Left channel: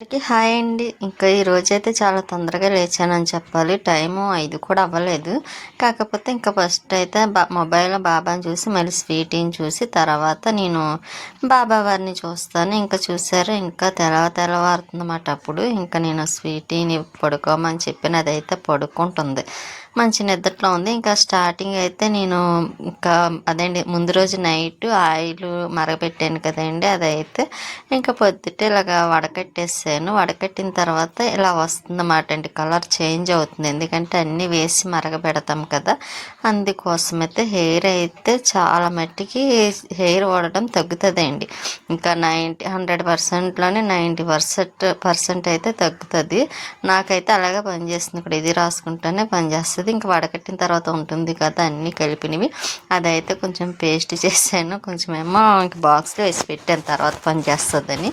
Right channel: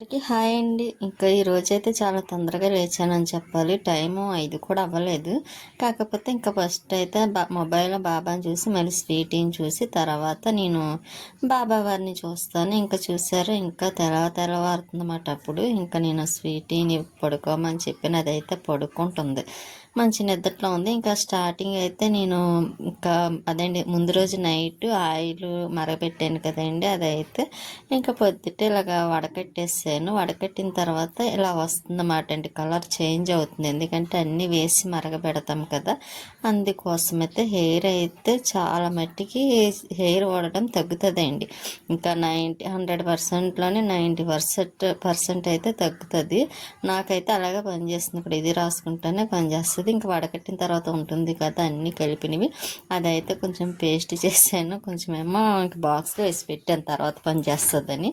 అందరికీ హాయ్ అండి. ఇంకా ఈరోజైతే చాలా తొందరగా లేచానని చెప్పాలి. టైము 5 కూడా అవ్వలేదు. కాకపోతే ఇంకా ఫస్ట్ అయితే మొబైల్లో బాబాని చూసి మళ్ళీ స్వీటీని చూసి తర్వాత నేను బాబా వారిని చూస్తాను. ఇంకా చూసారు ఇంకా తెల్లవారుతుందన్నమాట. అప్పుడు ఇంకా నేను స్వీటీని పడుకోమని చెప్పిన అదైతే పడుకుంటుంది. మంచి నిద్రలో ఉంది. ఇంకా స్టార్టింగ్ అయితే నేను ఇంకా అదండి ముందు రోజు నైట్ ఆయిల్ మరగపెట్టాను కదండి, అదైతే ఇంకా పొద్దుటే ఇలాగా వడకట్టేసాను. వడకట్టిన తర్వాత ఇలా వస్తుందన్నమాట అండి, కలర్ చేంజ్ అవుతుంది. ఎందుకంటే అన్నీ వేసి మరగపెడతాం కదా, అందుకోసమైతే హెయిర్ అయితే చాలా మట్టికి హెయిర్ వాడడం తగ్గుతుందండి. ఇంకా 100%లోనే 90% అయితే తగ్గుతుంది. నాకైతే అలాగే పనిచేస్తుంది. ఇక్కడ ఇది రాసుకుంటేనే పనిచేస్తుంది. ఇంకా వడకట్టిన తర్వాత ఉంటుంది కదా అన్నీ కలిపినవి, అదైతే కొంచెం పేస్ట్ చేసాను. కొంచెం ఏమో ఇంకా బాక్స్లో వేసి పెట్టాను, తర్వాత పనిచేస్తుందని.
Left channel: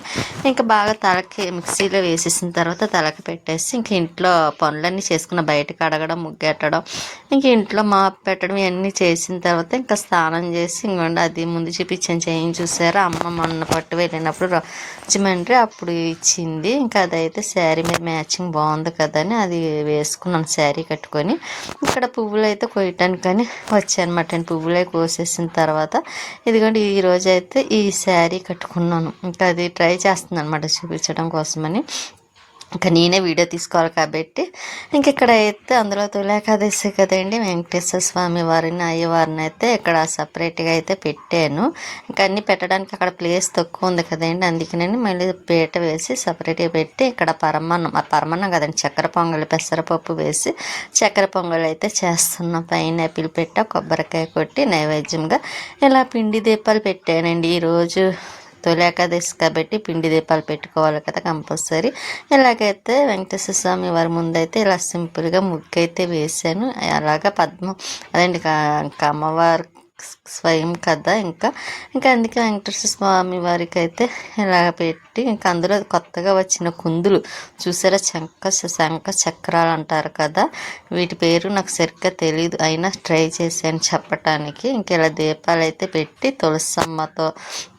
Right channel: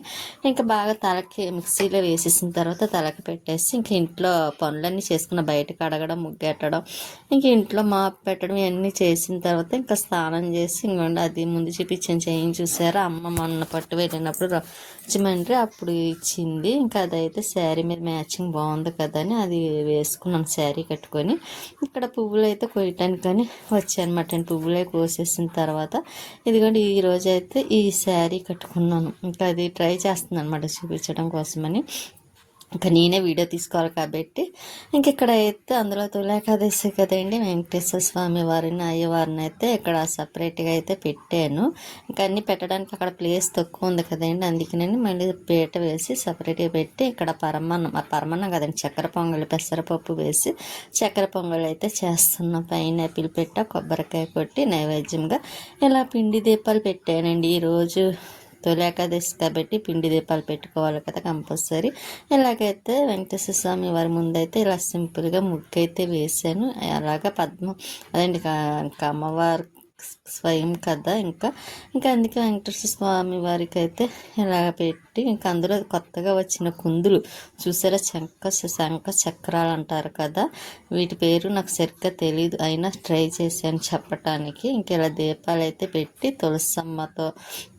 ఇంకా బాగా తలకి మిక్సీలో వేసేసిన తర్వాత తలకి పెట్టేసి ఇంక ఇంట్లో పనులన్నీ చేసుకున్న, బయటకు అడగడం, ముగ్గెట్టడం, ఇంక ఇంట్లో మాపు పెట్టడం ఇవన్నీ చేసిన తర్వాత ఇంకా స్నానం చేసి ఇంకోండి అది ముందు చూపించాను చేయించి చూసారా, అమ్మ మొన్న పట్టు వెళ్ళినప్పుడు రాజమండ్రి అప్పుడు ఇచ్చింది. ఇంకా అదైతే శారీ మీద మ్యాచింగ్ బాగుంది కదా అని అది వేసుకున్నాను శారీ కట్టుకొని. ఇక్కడ పువ్వులు అయితే కొయ్యటానికని వచ్చానమాట. పువ్వులే కోసేసిన తర్వాత ఇదిగోండి ఈరోజు అయితే ఈ శారీ కట్టుకున్నాను. ఇంకా అది ట్రై చేస్తుంది అనమాట చూపించడం కోసమని. ఇంకా నేనే వీడియో తీసుకోవాలి కాబట్టి ఇంక ఇక్కడ అయితే అందులో తొలేకాదశి కదండి, వెంకటేశ్వర స్వామి వారిని అయ్యవారిని అయితే ఇక్కడ సపరేట్గా అయితే పెట్టాను. ఇంకా అన్నీ పెట్టడానికి అక్కడ ప్లేస్ తక్కువ ఉంది కదండి, అందుకని మళ్ళీ పీట వేసి సపరేట్గా పెట్టి ఇక్కడ పరమాన్నం కదండి, చక్కెర పొంగలి పెసరపప్పు వేసి చక్కెర పొంగలి అయితే చేస్తున్నాం. పైనాపిల్ పెట్ట కొబ్బరికాయ కొట్టి నైవేద్యంగా ఇలా పిండి దీపాలు పెట్టానండి. ఈరోజు తొలి ఏకాదశి కాబట్టి పిండి దీపాలు పెట్టుకోవాలి కదా కంపల్సరీ. ఎలాగైతే వెంకటేశ్వర స్వామి వారి ముందైతే ఇలా సింపుల్గా ముగ్గు అయితే వేసాను. అలాగా అదండి అమ్మవారు స్వయం కదా, ఇంకా అందుకే వెంకటేశ్వర స్వామి వారికి అయితే ఇలా పెట్టి ఇంకా అందులో కొత్తగా వచ్చిన కుందులు చూసారా, శంఖ చక్రాలు అంటారు కదా, వీటి పేరు నాకు సరిగ్గా తెలియదు, అయినా ట్రై చేశాను చెప్పటానికి. ఇంక ఇలా దీపాలు అయితే పెట్టి తులసమ్మతో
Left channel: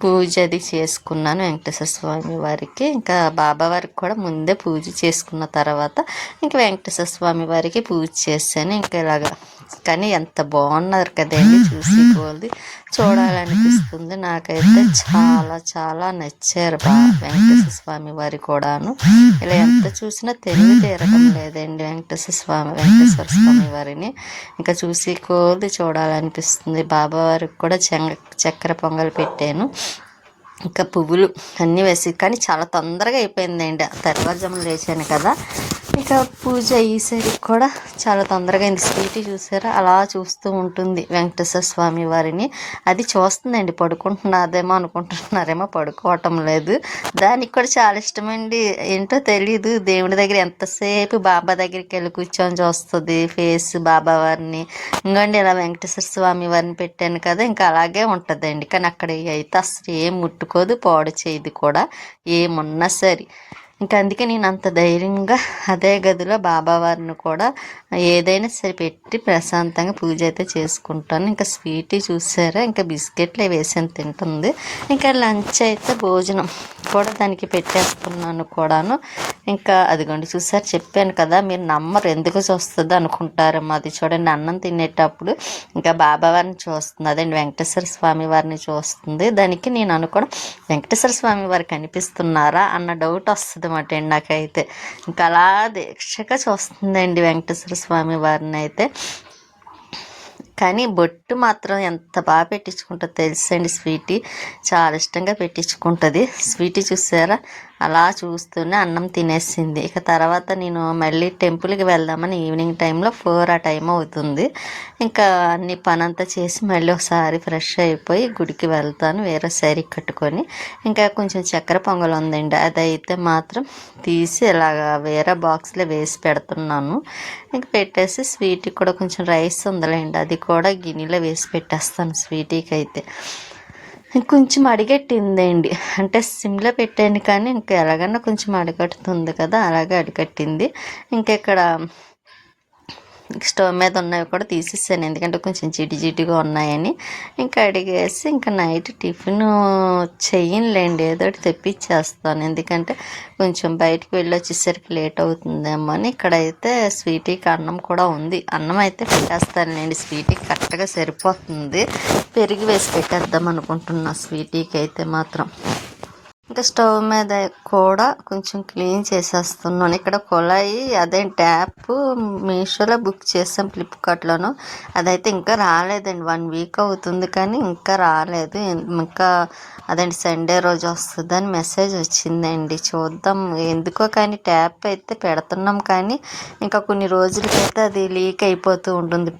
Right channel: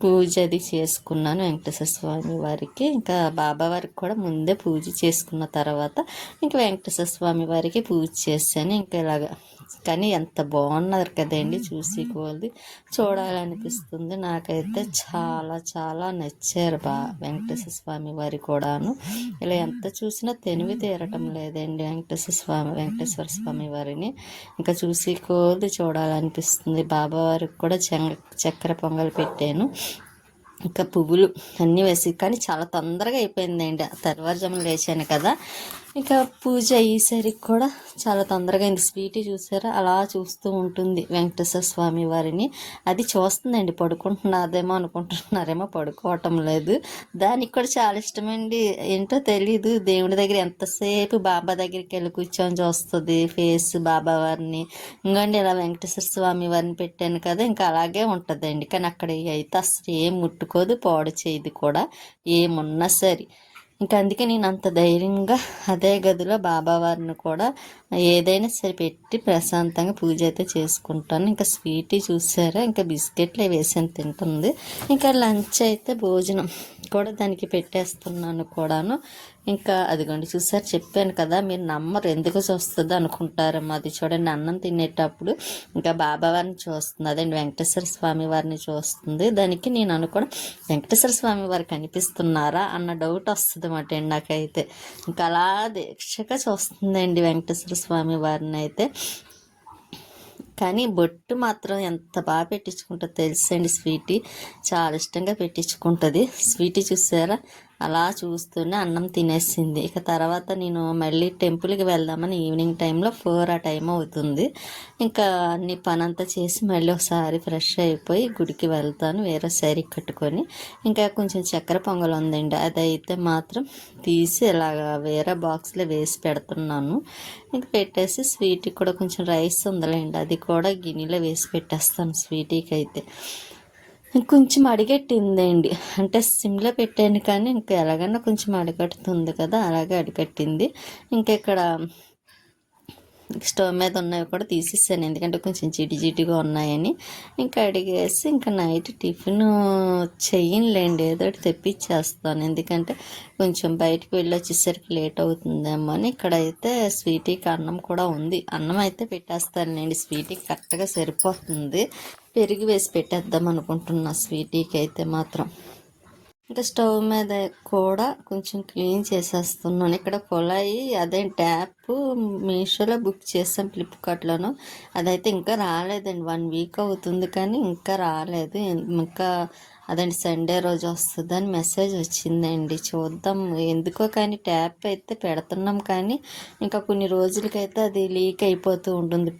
పూజ అది చేసుకున్నాను వెంకటేశ్వర స్వామి వారికి. ఇంకా బాబా వారికి కూడా ముందే పూజ చేసుకున్న తర్వాత ఇంకా వెంకటేశ్వర స్వామి వారికి పూజ చేశాను. ఇంకా ఇలాగా కానీ ఎంత బాగున్నారు కదండి, చూడాలనిపిస్తుంది. నాకైతే చాలా చాలా నచ్చారు వెంకటేశ్వర స్వామి వారి కూడాను. ఇలా ఎంత చూసినా తెలివి తీరటం లేదండి వెంకటేశ్వర స్వామి వారిని. ఇంకా చూడాలనిపిస్తుంది. బాబా వారికి కూడా చక్కెర పొంగల్ పెట్టాను. ఇంకా పువ్వులు అన్నీ వేసి, కానీ చాలా తొందరగా అయిపోయిందండి, తెల్లవారుజామున లేచాను కదా. ఇంకా పూజ అయ్యేసరికి కూడా చాలా తొందరగా అయింది. స్వీటీ చూసారా అలా చూస్తూ ఉంటుంది వెంకటేశ్వర స్వామి వారిని. అది చూస్తుందండి, పడుకుంటున్నదేమో అనుకుంటున్నారేమో, పడుకోవటం లేదు. దానికి కూడా చాలా ఇష్టమండి, ఏంటో తెలీదు. దేవుడి దగ్గర ఎంతసేపు బాబా దగ్గరికి వెళ్ళి కూర్చొని చూస్తుంది ఫేస్ బాబా వారిని. ఇంకోండి ఇలా వెంకటేశ్వర స్వామి వారిని పెట్టాను కదా, ఇంకా అలాగే ఉంటుందండి. కానీ అక్కడ అయితే అసలు ఏం ముట్టుకోదు, పాడు చేయదు కూడా ఏమున్నా సరే. ఇంకా అందుకే నేను అంత ధైర్యంగా అదే గదిలో బాబావారిని కూడా ఏదైనా సరే పెట్టి ప్రశాంతంగా పూజ అయితే చేసుకుంటాను. ఇంకా స్వీటీ చూసారా, ఇంకా బిస్కెట్లు వేసాను తింటుంది. ఇంకా లంచ్ అయితే భోజనం కూడా దానికి పెట్టేస్తున్నాను కూడాను. ఇంకా అదిగోండి చూసారు, చెప్పాను కదా, మీరు నమ్మరు ఎందుకు చూస్తుంది అనుకుంటారేమో. అది చూడండి, అన్నం తినేటప్పుడు ఇంకా బాబావారిని చూస్తుంది, అదండి వెంకటేశ్వర స్వామి వారిని చూస్తుంది. దానికి నేను అనుకోవడం వెంకటేశ్వర స్వామి వారికి కనిపిస్తున్నారా అన్న డౌట్ వస్తుంది అన్నమాట నాకైతే. ఇంకా అలా దీక్షగా చూస్తుందండి వెంకటేశ్వర స్వామి వారిని అయితే. కానీ బొట్టు మాత్రం ఎంత బాగా పెట్టించుకుంటుందో తెలుసండి. స్వీటీ చాలా ఇష్టంగా పెట్టించుకుంటుంది. స్వీటీ చూసారా అలా చూస్తూనే అన్నం తినేసింది. ఇక తర్వాత నేను మళ్ళీ టెంపుల్కి వెళ్దామని ఈవినింగ్ టైంలో 4 ఆ టైం అవుతుంది. ఇంకా అన్ని పనంతా చేసి మళ్ళీ ఒకసారి ఫ్రెష్ అయిపోయి గుడికి వెళ్తాను వేరే శారీ కట్టుకొని. ఇంకా కొంచెం చక్కెర పొంగల్ ఉందండి, అదైతే మాత్రం తీసి ఇలాగా వేరే బాక్స్లో వేసి పెడుతున్నాను. ఇంకా పెట్టేసి స్వీట్కి కూడా కొంచెం రైస్ ఉందిలేండి, అది కూడా గిన్నెలో వేసి పెట్టేస్తాను స్వీటీకి అయితే. కొంచెం అడిగట్టిందండి, అంటే సిమ్లో పెట్టాను కానీ ఇంకా ఎలాగన్నా కొంచెం అడగట్టుతుంది కదా, అలాగే అడిగట్టింది. ఇంకా ఇక్కడ స్టవ్ మీద ఉన్నవి కూడా తీసేసాను, ఎందుకంటే కొంచెం జిడ్డుగా ఉన్నాయని. ఇంకా అడిగేసి ఇంకా నైట్ టిఫిన్ చెయ్యనులేండి, ఏదో ఒకటి తెప్పించేస్తాను, ఎందుకంటే కొంచెం బయటికి వెళ్ళి వచ్చేసరికి లేట్ అవుతుందేమో అని. ఇక్కడైతే స్వీటీకి అన్నం కూడా ఉంది, అన్నం అయితే పెట్టేస్తానులేండి, స్వీటీకి కరెక్ట్గా సరిపోతుంది. పెరిగి వేసి పెట్టేద్దాం అనుకుంటున్నా స్వీటీకి అయితే మాత్రం. ఇంకా స్టవ్ మీద కూడా కొంచెం క్లీన్ చేసేస్తున్నాను. ఇక్కడ కుళాయి అదే ట్యాప్ మీషోలో బుక్ చేసాం, ఫ్లిప్కార్ట్లోను. అదైతే ఇంకా రాలేదండి, 1 వీక్ అవుతుంది కానీ ఇంకా రాలేదు. ఇంకా అదండి సండే రోజు వస్తుందని మెసేజ్ వచ్చిందండి, చూద్దాం. ఎందుకో కానీ ట్యాప్ అయితే పెడుతున్నాం కానీ ఇంకా కొన్ని రోజులకైతే అది లీక్ అయిపోతూ ఉంటుంది.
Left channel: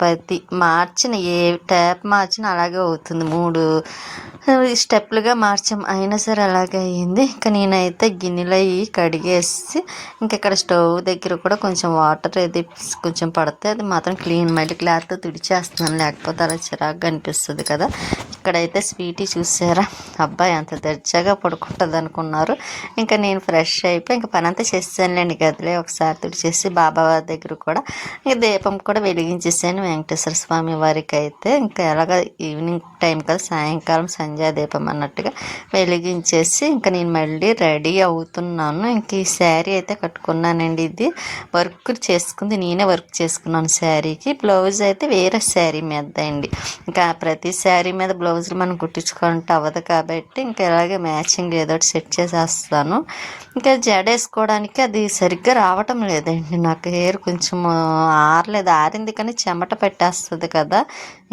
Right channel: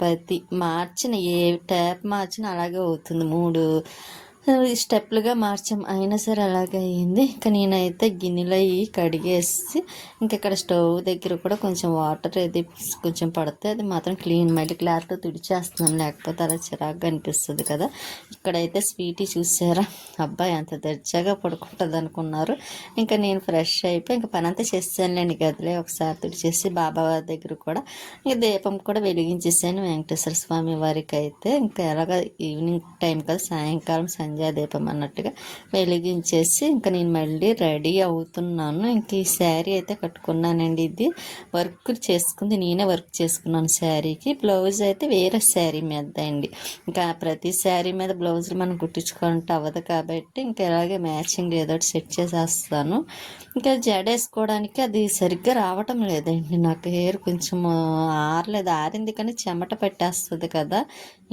మార్చిన ఏ ట్యాప్ మార్చినా అలాగే అవుతుంది. 3 స్టెప్లుగా మార్చాం, అయినా సరే అలాగే అయ్యింది. ఇంకా నేనైతే గిన్నెలో కడిగేసి ఇంకా ఇక్కడ స్టవ్ దగ్గర కూడా కొంచెం వాటర్ అది కొంచెం పడితే అది మాత్రం క్లీన్ మళ్ళీ క్లాత్తో తుడిచేస్తున్నాను, లేకపోతే అలా చిరాగ్గా అనిపిస్తుంది కదా. ఇక్కడైతే స్వీటీ చూసారా, అబ్బాయి అంత దర్జాగా పడుకుంటుంది అనుకున్నారు. ఇంకా నేను ఫ్రెష్ అయిపోయి ఇంకా పని అంతా చేసానులేండి, గదిలే ఒకసారి తుడిచేసి బాబా వారి దగ్గర కూడా ఇంకా దీపం కూడా వెలిగించేసాను వెంకటేశ్వర స్వామి వారికి అయితే. ఇంకా ఎలాగ ఈవినింగ్ టైం కదా, సాయంకాలం సంధ్యాదీపం అన్నట్టుగా వెలిగించేసి ఇంకా నేను మళ్ళీ రెడీ అవుతున్నాను. ఇంక ఈ శారీ అయితే కట్టుకున్నానండి, ఇది వర్క్ చేసుకుంది, నేనే వర్క్ చేసుకున్నాను శారీకి. బ్లౌజ్ అయితే వేరే శారీ మీద అండి, ఇంకా ప్రతి శారీ మీద బ్లౌజులు మనం కుట్టించుకుంటే అవ్వదు కాబట్టి ఇంకా ఇలాగే మ్యాచింగ్ ఏదో ఒకటి సెట్ చేసేస్తాను. ఇంకా జడ వేసుకోవడానికి అది సరిగ్గా రావటం లేదండి, నాకు హెయిర్ కొంచెం ఆరలేదు, ఆరింది కానీ చెమట పెట్టేస్తుంది కదా,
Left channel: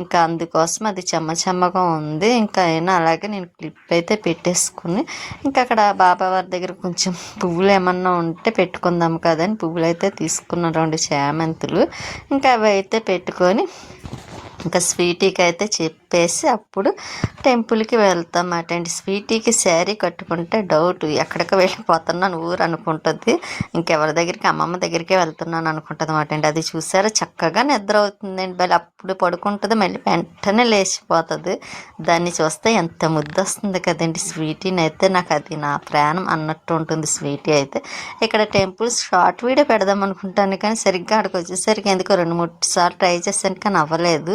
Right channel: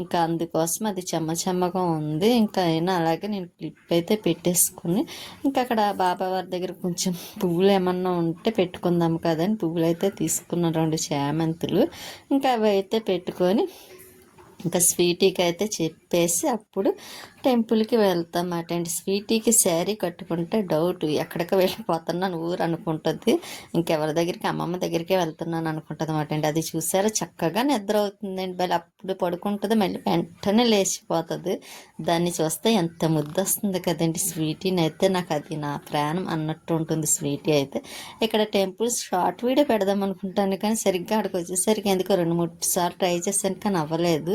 ఇంకా అందుకోసం అది చెమ్మగా ఉంది. ఇంకా అయినా అలాగే నేను క్లిప్ అయితే పెట్టేసుకుని ఇంకా అక్కడ బాబావారి దగ్గర కొంచెం పువ్వులు ఏమన్నా ఉంటే పెట్టుకుందాం కదని పువ్వులు అయితే తీసుకున్నాను, 2 చామంతులు. ఇంకా అవి అయితే పెట్టుకొని ఇంకా స్వీటీకి అయితే చెప్పేసి అప్పుడు టెంపుల్కి వెళ్తామాట అండి. స్వీటీకి శారీ కట్టుకుంటే డౌట్, ఎక్కడికి వెళ్ళిపోతున్నాను ఊరు అనుకుంటుంది, ఇంకెవరి దగ్గరికి అమ్మమ్మ దగ్గరికి వెళ్తున్నాను అనుకుంటుంది అన్నమాట అండి. అది చూసారా చక్కగా నిద్ర అవుతుందండి, మళ్ళీ అప్పుడు పడుకుంటుంది, మళ్ళీ వెంటనే లేచిపోతుంది. దాన్ని చూస్తే ఎంత ముద్దు వస్తుంది కదండి స్వీటీని అయితే, నాకు అది నా ప్రాణం అన్నట్టు ఉంటుంది స్వీటీ అయితే. ఇక్కడ టెంపుల్స్ షార్ట్ వీడియో పెడదాం అనుకుంటాను కానీ సరిగ్గా అక్కడికి వచ్చేసరికి ఎందుకో 2-3 సార్లు ట్రై చేశాను కానీ అవ్వలేదు.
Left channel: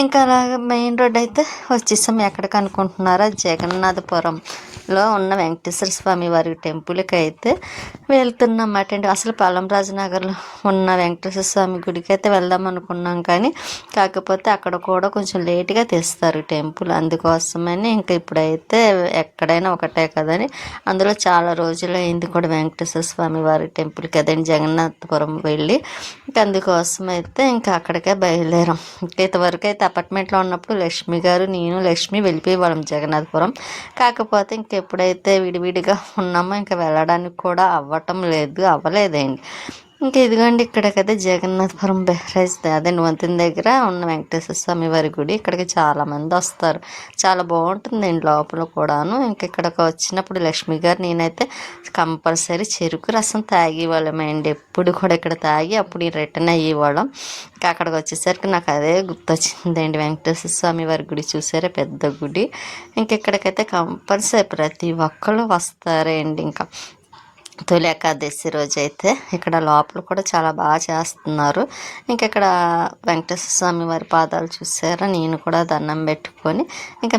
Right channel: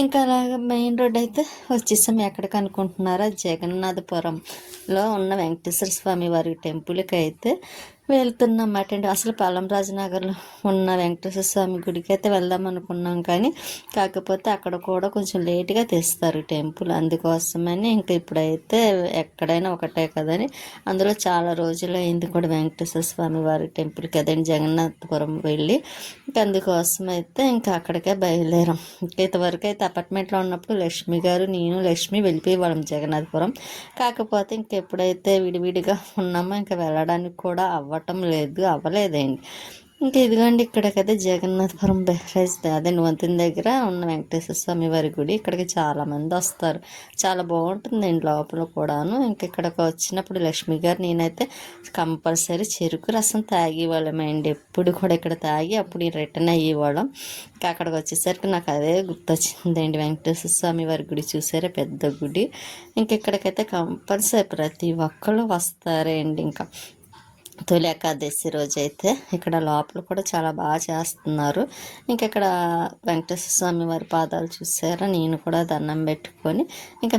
ఇంకా అలాగ మెయిన్ రోడ్ అయితే వచ్చేసాం. ఎక్కడికి అనుకుంటున్నారా, జగన్నాథపురంలో ఉన్న వెంకటేశ్వర స్వామి వారి టెంపుల్కి అయితే వెళ్తున్నమాట అండి. అసలు పలంరాజు నగర్లో ఉన్న వెంకటేశ్వర స్వామి గుడికి అయితే వెళ్దాం అనుకున్నాం కానీ కాకపోతే అక్కడ కూడా కొంచెం లేట్గా తెస్తారు టెంపుల్, అందుకోసమని ఇంకా ఇప్పుడైతే ఎక్కడైనా ఒకటే కదని అందులో చాలా రోజులు అయింది కూడా వెంకటేశ్వర స్వామి వారి టెంపుల్కి అదండి జగన్నాథపురం వెళ్ళి, ఇంకా అందుకోసం అయితే ఇంకా అక్కడికే బయలుదేరాం. ఇంతవరకు అయితే అపార్ట్మెంట్లో ఉన్నప్పుడు లక్ష్మి గారు నేను లక్ష్మి వెళ్ళిపోయేవాళ్ళం జగన్నాథపురం. కాకపోతే ఇంకెప్పుడైతే విడివిడిగా ఉన్నామో ఇంకా వెళ్ళడానికి కూడా అవ్వలేదండి. ఇంకా ఇదిగోండి ఇక్కడ కదా జగన్నాథపురం బెహ్రాజ్ అదే వంతెన దగ్గర ఉన్న వెంకటేశ్వర స్వామి వారి గుడి. ఇక్కడికి చాలామంది వస్తారు, చాలా బాగుంటుందండి లోపల కూడాను. ఇంక ఇక్కడికి వచ్చినప్పుడు లక్ష్మి గారు నేనైతే కంపల్సరీ చెరుకు రసం తాగేవాళ్ళమండి, ఎప్పుడు కూడా ఇక్కడ తాగి అప్పుడు రిటర్న్ అయ్యేవాళ్ళం. ఇంకా అక్కడికి వచ్చేసరికి నాకు అదే గుర్తొచ్చిందండి, వెంకటేశ్వర స్వామి వారి గుడి చూసారా, పెద్ద గుడి. ఇంకెక్కడికైతే కంపల్సరీ ప్రతి ఒక్కళ్ళు వస్తారండి. ఇంకా తొలి ఏకాదశి రోజు అయితే ఇక్కడ లోపల కూడా చాలా బాగా చేస్తున్నారు. ఇంకా ఇక్కడ వెంకటేశ్వర స్వామి వారి పాదాలు చూసారా, నేను కూడా దండం పెట్టుకొని ఇంకా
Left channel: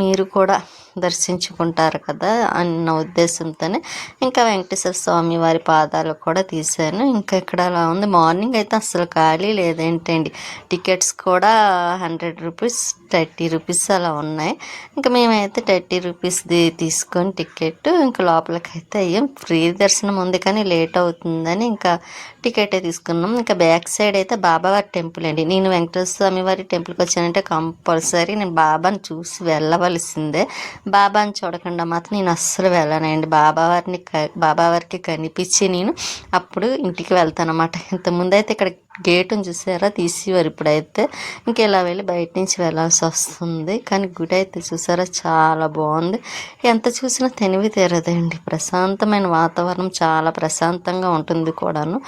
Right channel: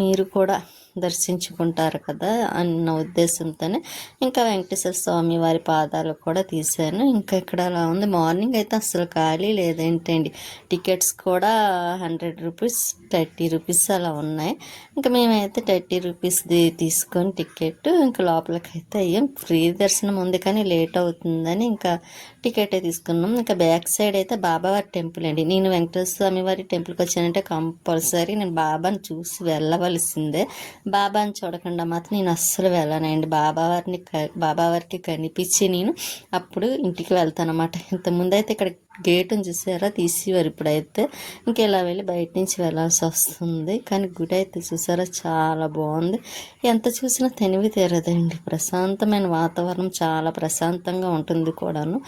మీరు కూడా దర్శించుకుంటారు కదా అన్న ఉద్దేశంతోనే ఇంకా వెంకటేశ్వర స్వామి వారి పాదాలు కూడా తీశాను. ఇంకా ఇక్కడ అలా ఉంది, మార్నింగ్ అయితే అసలు ఖాళీ లేదేంటండి, టికెట్స్ కూడా 100 రూపీస్ 30 రూపీస్ అలా ఉన్నాయి. ఇంకా మేమైతే 30 రూపీస్ది తీసుకొని టికెట్ ఇంకా లోపలికి అయితే అయ్యాం. ఫ్రీ దర్శనం ఉంది కానీ లేట్ అవుతుందని ఇంకా టికెటే తీసుకున్నాం. ఇంకా బ్యాక్ సైడ్ అయితే బాబావారి టెంపుల్ అండి. నేను వెంకటేశ్వర స్వామి వారి టెంపుల్కి వచ్చానంటే కంపల్సరీ నేను బాబాని చూసి వెళ్ళవలసిందే, బాబాని చూడకుండా మాత్రం నేను అస్సలు వెళ్ళనండి. బాబావారికి కనిపించి నేను అప్పుడు ఇంటికి వెళ్తాను అన్నమాట. ఇంతకుముందు అయితే ఇక్కడ గేటును చూసారా తీసేవారు, ఇప్పుడైతే ఇంకెలా వెళ్ళి బయట నుంచి వెళ్ళాల్సి వస్తుంది. కానీ గుడి అయితే చూసారా చాలా బాగుంది, ఎంత చూసినా తనివి తీరదండి, ప్రశాంతమైన వాతావరణం, చాలా ప్రశాంతంగా ఉంటుంది కూడాను.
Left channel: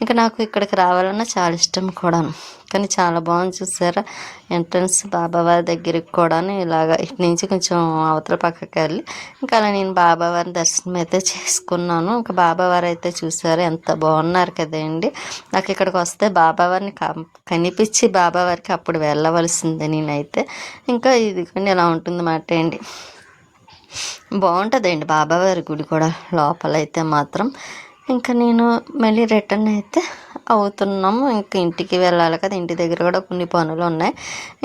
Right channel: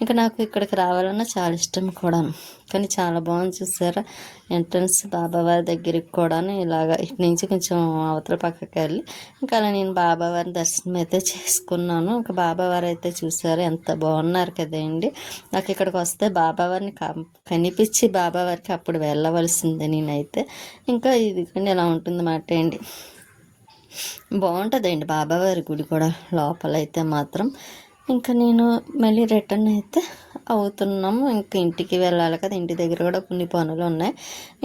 ఇంకా నాకు ఇక్కడికి రావాలన్నా చాలా ఇష్టం కూడాను, కానీ చాలా బాగుంది చూసారా ఎంట్రన్స్ బాబావారి దగ్గరికి కూడా ఇలాగ ఇటు నుంచి కొంచెం అవతల పక్కకి వెళ్ళి ఇంకా అలా నేను బాబావారి దర్శనం అయితే చేసుకున్నాను. ఇంకా బాబావారు అయితే చూసారు ఎంత బాగున్నారు కదండి. నాకు ఇక్కడికి వస్తే బాబావారిని కనిపించి బాబావారికి అప్పుడు వెళ్ళవలసిందే నేనైతే. ఇంకా ఇది కానీ ఇలా ఉంటుంది మాట అండి. బాగుంటుందండి బాబావారి గుడి కూడా లోపలైతే మాత్రం. ఇంకా నేను మళ్ళీ రిటర్న్ అయితే అవుతున్నాము. ఇంకా ఇంటికి వెళ్ళాలి కదా, ఇంటి దగ్గర కూడా కొన్ని పనులు ఉన్నాయి.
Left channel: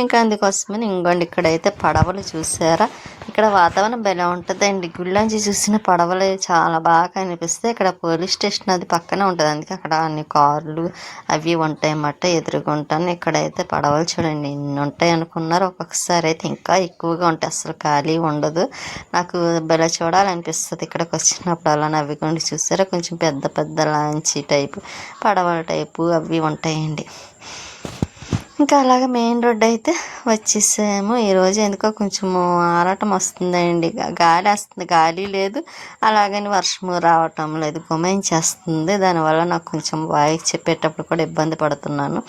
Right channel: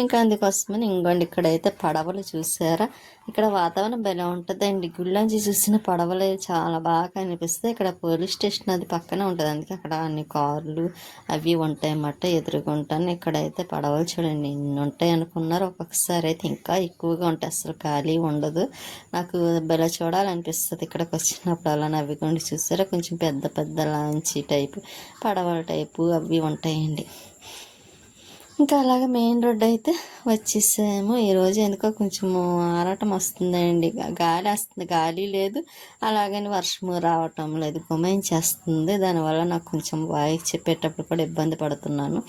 ఇంకా అందుకోసమని ఇంకోండి ఇక్కడైతే పడవలు చూసారా, ఇక్కడ వాతావరణం భలే ఉంటుందండి. గుళ్ళంచి చూసిన పడవలు చాలా బాగా అనిపిస్తాయి. ఇక్కడ పోలీస్ స్టేషన్ అది పక్కనే ఉంటుంది, అందుకే అక్కడ అన్ని కార్లు అవి ఉంటాయి అన్నమాట ఎదురుగుంటాను. ఇక్కడైతే పడవలు చూడండి ఎన్ని ఉంటాయి అనుకున్నారు, ఒక్కొక్కసారి అయితే ఇంకా ఎక్కువగా ఉంటాయి, అసలు ఖాళీ ఉండదు. నాకు భలే చూడాలనిపిస్తుంది ఇక్కడికి వచ్చినప్పుడు. అలా నవ్వికొండి చూసారా, కొంచెం పెద్ద పెద్ద లాంచీ టైపు పడవల టైపు అవి ఉంటాయండి. ఇంకా అలాగే మెయిన్ రోడ్ అయితే వచ్చేసాము. ఈరోజు ఎందుకో కొంచెము ఆరాటం వస్తుందండి, గాలి వస్తుంది, గాలి లేదు, అలాగని వర్షము రావటం లేదు, గుమాయించేస్తుంది. దానివల్ల నాకు కొంచెం వాయిస్ చెప్పేటప్పుడు కూడా ఇబ్బంది పడుతున్నాను.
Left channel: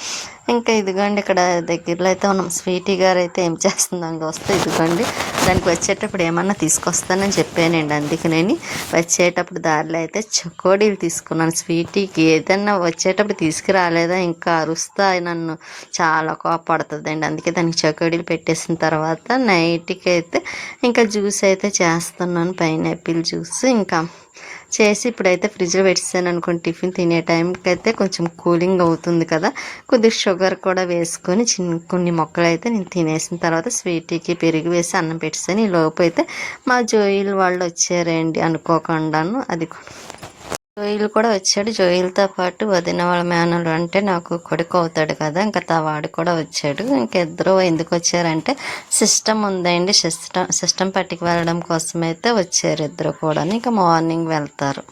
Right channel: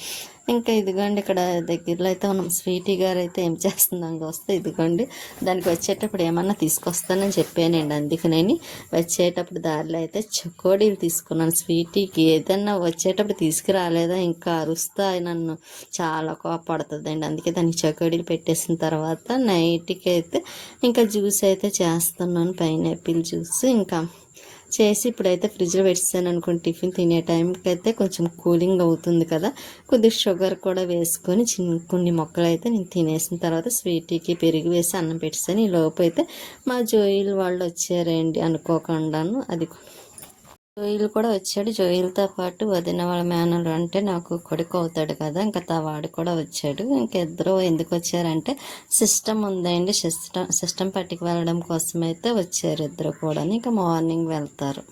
ఇంకా ఇదిగోండి ఇక్కడ దగ్గరలో అయితే ఉన్నాం. స్వీటీ గారు అయితే ఏం చేస్తుందని వస్తే ఇదిగోండి దానికి వచ్చేటప్పుడు ఏమన్నా తీసుకొస్తానని చెప్పానండి, అందుకని వచ్చేటప్పుడు దారిలో అయితే చకోడీలు తీసుకున్నాను. స్వీటీకి ఏదన్నా వచ్చేటప్పుడు తీసుకురాలేదా ఇంకా అరుస్తా నన్ను చాలా కోపడుతుందండి, అందుకే దానికి చకోడీలు పెట్టేసిన తర్వాత నైట్కి అయితే ఇంకా జ్యూస్ అయితే చేస్తున్నాను, పైనాపిల్ జ్యూస్. ఇంకా చేసి ఇప్పుడైతే ఫ్రిడ్జ్లో పెట్టేసాను అనుకోండి, టిఫిన్ తినే టైంకి అయితే కొంచెం కూలింగ్ అవుతుంది కదా, కొద్దిగా షుగర్ కూడా వేసుకొని కొన్ని మొక్కలు అయితే నేను తినేసిన తర్వాత స్వీట్కి పెరుగు వేసి అన్నం పెట్టేసాను. ఈ లోపు అయితే మా జోయిల్ వాళ్ళు వచ్చారండి అనుకోకుండాను. అది జోయిల్ కూడా వచ్చాడు. జోయిల్తో పాటు వదిన వాళ్ళ మేనలు అంటే నాకు కొడుకు అవుతాడు కదా, ఇంకా వాడు కూడా వచ్చాడు. ఇంకిద్దరు ఎందుకు వచ్చారంటే సిస్టమ్ ఉందండి, సిస్టమ్ పట్టుకు వెళ్ళడం కోసం అయితే వచ్చారు ఇద్దరు కూడా. ఇంకా మార్నింగ్ వెళ్తారు.